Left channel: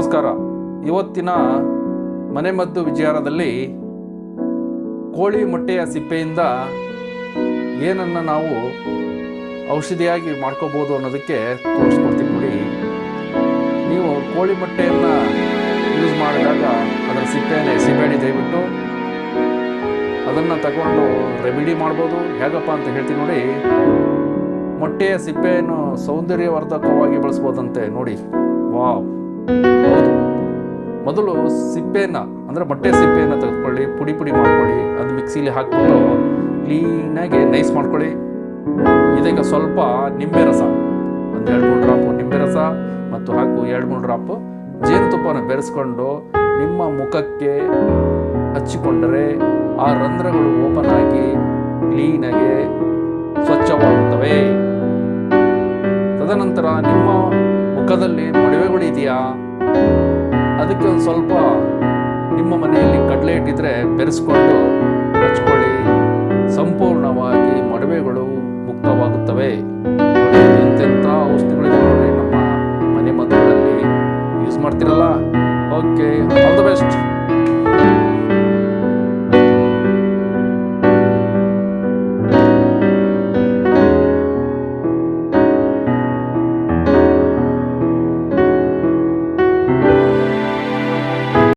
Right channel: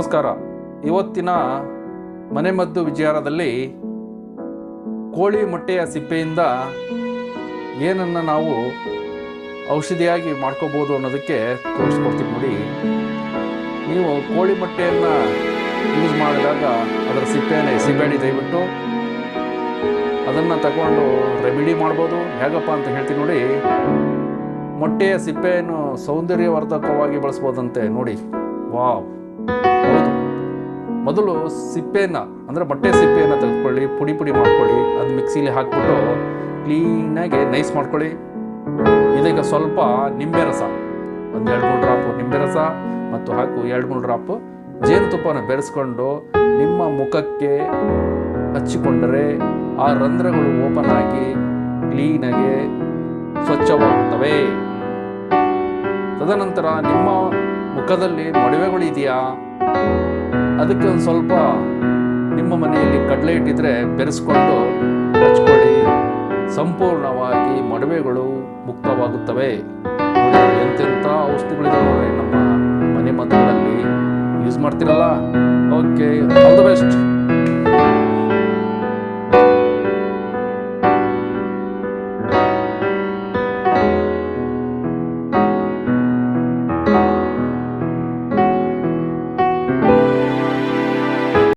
ನಮಸ್ಕಾರ. ಇವತ್ತಿನ ಮನೆಮದ್ದು ವಿಚಾರದಲ್ಲಿ ಕೋಳಿ ಮೊಟ್ಟೆಯ ಸಿಪ್ಪೆಯಿಂದ ಏನನ್ನು ನಾವು ಔಷಧಿಯಾಗಿ ಮಾಡ್ಕೋಬೋದು ಅನ್ನೋದಕ್ಕೆ ತೋರಿಸ್ಕೊಡ್ತೀನಿ ನೋಡಿ. ನೀವು ಕೋಳಿ ಮೊಟ್ಟೆಯನ್ನು ಯೂಸ್ ಮಾಡಿದಾಗ ಅದರ ಸಿಪ್ಪೆಯನ್ನು ಎಸಿಬೇಡಿ, ದಯವಿಟ್ಟು ಅದನ್ನು ತಗೊಂಡು ರೆಮಿಡಿ ಮಾಡ್ಬೋದು. ಹೇಗಪ್ಪ ಅಂತ ಹೇಳ್ತೀನಿ ನೋಡಿ. ಮೊಟ್ಟೆಯ ಸಿಪ್ಪೆಯನ್ನು ಸೌಂದರ್ಯವರ್ಧಕವಾಗಿ ಬಳಸ್ಬೋದಂತೆ ನೋಡಿ. ವಾವ್, ಹೌದು. ಮೊದಲು ಸಿಪ್ಪೆಯನ್ನು ಅಂದರೆ ಮೊಟ್ಟೆ ಸಿಪ್ಪೆಯನ್ನು ತೆಗೆದುಕೊಳ್ಳಿ, ಪುಡಿ ಪುಡಿ ಮಾಡ್ಕೊಳ್ಳಿ. ಅದು ಮಿಕ್ಸಿಲಿ ಹಾಕ್ಬಿಟ್ಟು ಕ್ಲೀನಾಗಿ ನೈಸ್ ಮಾಡ್ಕೊಳ್ಳಿ. ಇದಕ್ಕೆ ಸ್ವಲ್ಪ ನಿಂಬೆ ರಸ, ಒಂದು 2-3 ಡ್ರಾಪು ನಿಂಬೆ ರಸ ಮತ್ತು ಹಾಕು 2-3 ಡ್ರಾಪು ಜೇನುತುಪ್ಪನ ಬೆರೆಸ್ಕೊಂಡು ನಿಮ್ಮ ಮುಖಕ್ಕೆ ಹಚ್ಚಿಕೊಂಡರೆ ಆ ರಂಧ್ರಗಳು ಓಪನ್ ಆಗಿ ಕ್ಲೀನಾಗಿ ಸ್ವಚ್ಛವಾಗುತ್ತವೆ. ತದನಂತರ ನಿಮ್ಮ ಮುಖದಲ್ಲಿ ಮೊಡವೆಗಳಿದೆಯಾ, ಅದಕ್ಕೆ ಒಂದು ಸ್ವಲ್ಪ ನಿಮ್ಮ ಮನೆಯಲ್ಲಿ ಕಡಲೆ ಇಟ್ಟಿದ್ರೆ ಬೆರೆಸ್ಕೊಂಡು ಹಚ್ಕೊಳ್ಳಿ. ಸಂಪೂರ್ಣವಾಗಿ ಮೊಡವೆಗಳು ಮುಕ್ತವಾಗುತ್ತವೆ. ನೋಡಿ, ಎಂತೆಂಥ ಔಷಧಿಗಳಿದೆ ನೋಡ್ರಿ ನಮ್ಮ ಮನೆ ಮದ್ದುಗಳಲ್ಲಿ ಯೂಸ್ ಮಾಡ್ತಿರಲ್ಲ. Okay, all the best.